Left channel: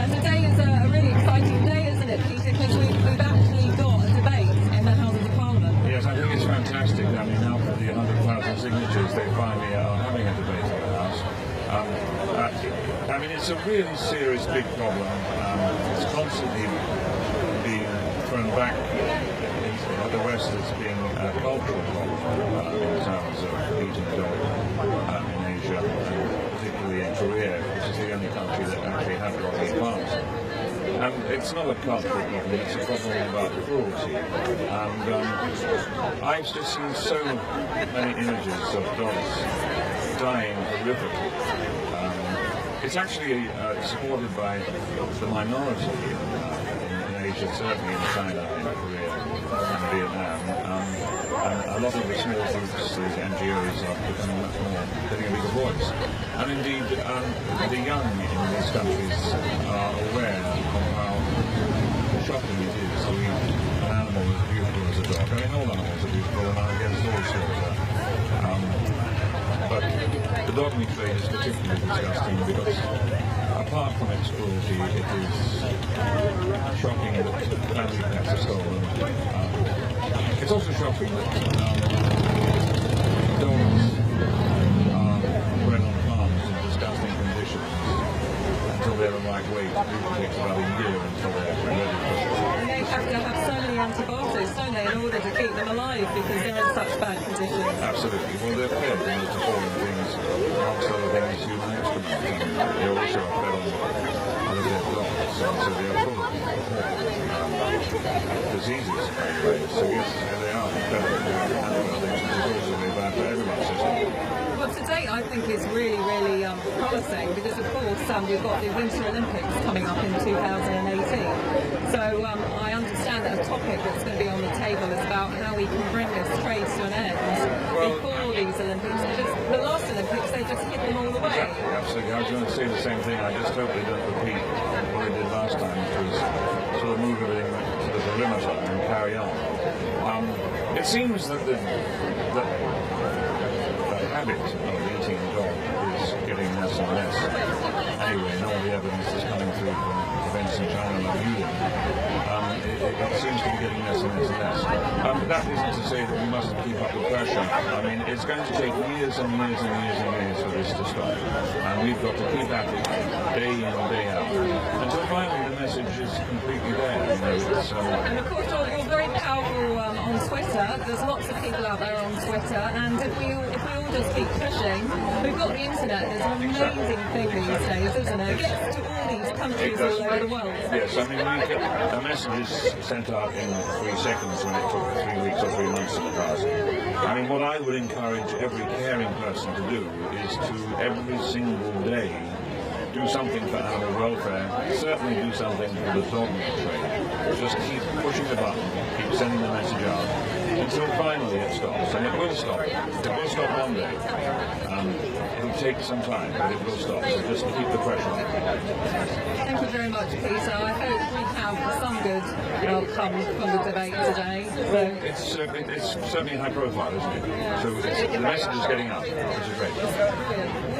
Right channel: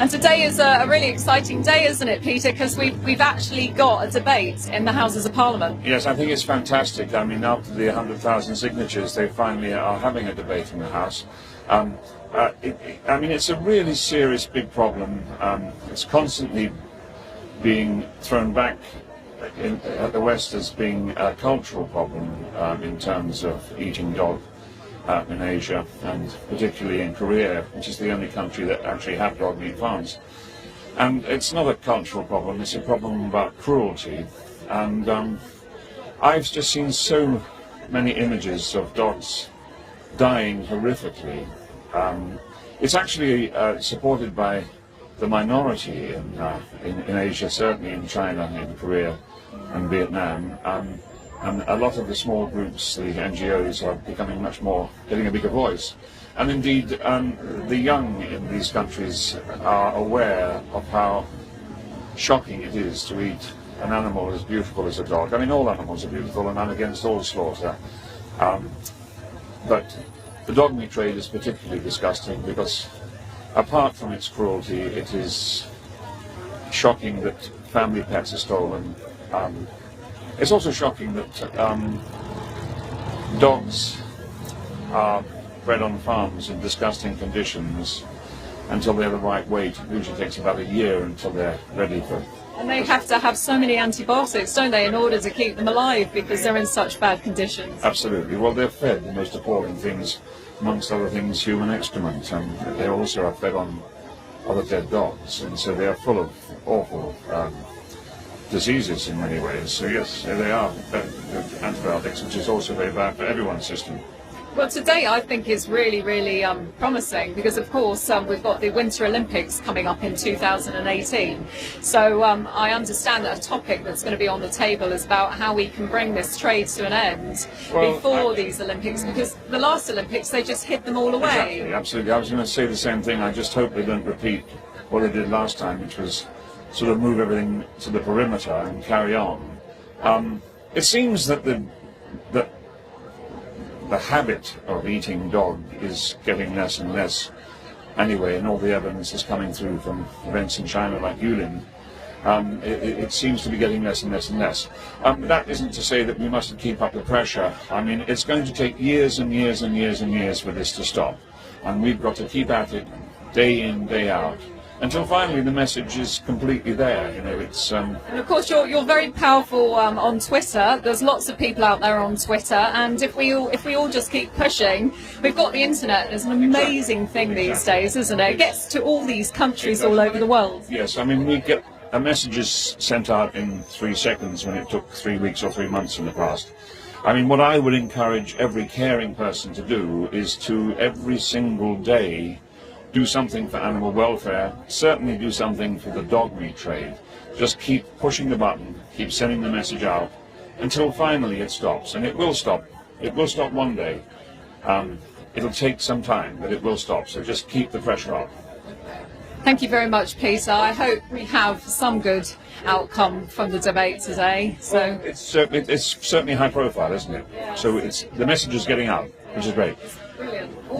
And today is a really exciting day, isn't it, Peter? Because we've actually got a debate in the Houses of Parliament. Yes, I think it's fantastic. I mean, after the 100,000 signatures, they finally are having a debate in the House. I mean, it's a really serious, big problem. It's constantly being thrown back at the West as being a cultural problem in terms of eating dog in Asia, and particularly in Korea, which is the only country that actually have dog meat farms. And it's not a cultural problem, it's a problem about cruelty. And I've just seen so many images of dogs dying horrifically. It's actually supported by the minority in Asia, certainly in China, in Korea and Vietnam. And a lot of the small groups, the NGOs, are becoming much more, getting a bigger voice. And indeed, the young in these countries are aware of how shocking it is to eat an animal as beautiful as a dog. I mean, all animals are beautiful, and I'm against all slaughter. But the dog meat trade is particularly disgusting because, apart from its cruelty, it is shocking that family pets are stolen. It's also shocking that dogs are bred on farms in disgusting conditions until they're the right weight. It usually takes about a year until they're ready for... And they have to have so many antibiotics, don't they, in order to keep them alive because they're in such bad conditions. Absolutely. Well, they're fed the most appalling things, amongst other things, human excrement, and they also are fed on other dead dogs, and so they are full of awful diseases in many ways. So yes, they are fed with antibiotics, which is also very bad for everyone's system. Well, today I think is really, really promising because, of course, we've got the Winter Olympics coming up in 2018. So I understand that a topic that's going to be on the table is about how we can bring this trade to an end before these Olympics, because the last Olympics, they just hid them all away. Exactly, absolutely. I was going to say the same thing. I just hope they don't repeat what they did last time, which was sort of move everything to the perimeter and carry on. It seems that the habit of eating dog is getting less and less anyway, and all the evidence is coming through from events in China like Yulin. It seems to be getting less and less and less. But that isn't to say that we mustn't keep up the pressure. I mean, it's going to take years and years and years and years for this to stop, and we've got to keep at it day in, day out, until finally the message is completely there. You know, it's and of course you're very powerful on Twitter. There's lots of people out there on Twitter, and if we all just keep pushing, we've got the internet. It's an amazing thing these days, isn't it? It gets to all these countries all over the world. Yes, I mean, we get messages sent out in 3 seconds when it took 3 weeks or 3 months in the past. I mean, what I would encourage every caring person to do is to every single day do something for animal welfare, certainly do something for the dog meat trade. Just keep pushing the button, keep sending the message out, until finally it stops. And it will stop. It will stop one day. It'll take some time, but it will stop. So just keep the pressure on. Thank you very much, Peter. I hope we have some good outcome from the debate today. So well, it's certainly high profile, isn't it? Yeah. So the message is getting out, which is great.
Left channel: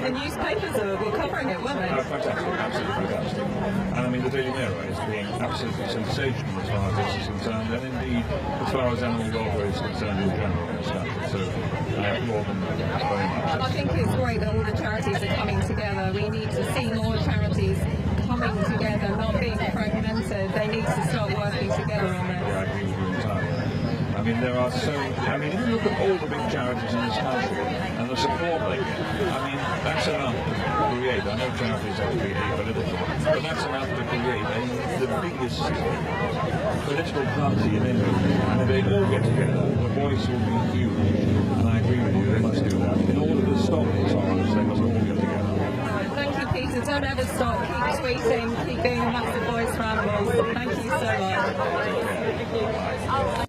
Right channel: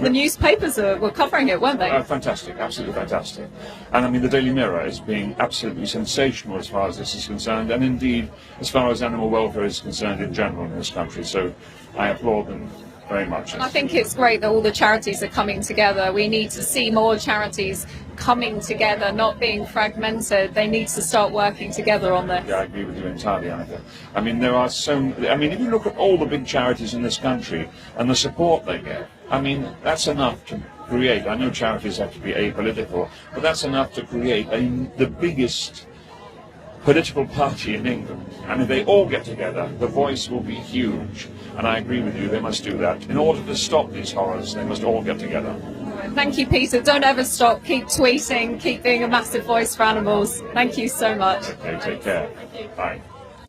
The newspapers were covering it, weren't they? Fantastic, absolutely fantastic. And I mean, the Daily Mirror is being absolutely sensational as far as this is concerned, and indeed as far as animal welfare is concerned in general in this country. So I applaud them very much. I think it's great that all the charities are coming together. We need to see more charities coming together, not being fragmented. They need to start working together on this. Yeah, I agree with you entirely, Annika. I mean, there are I mean, if you look at all the big charities in this country and the support they get, I mean, that's enough to create. I know charities have to be apolitical, but that's enough to create the biggest political party in England. And if they all get together, the voice will be huge. And I agree with you, they must do that. In order to stop these horrors, they must all get together. Thank you, Peter. Don't ever stop. Keep tweeting. Keep being a massive voice for animals. Thank you so much. Okay, take care. Bye.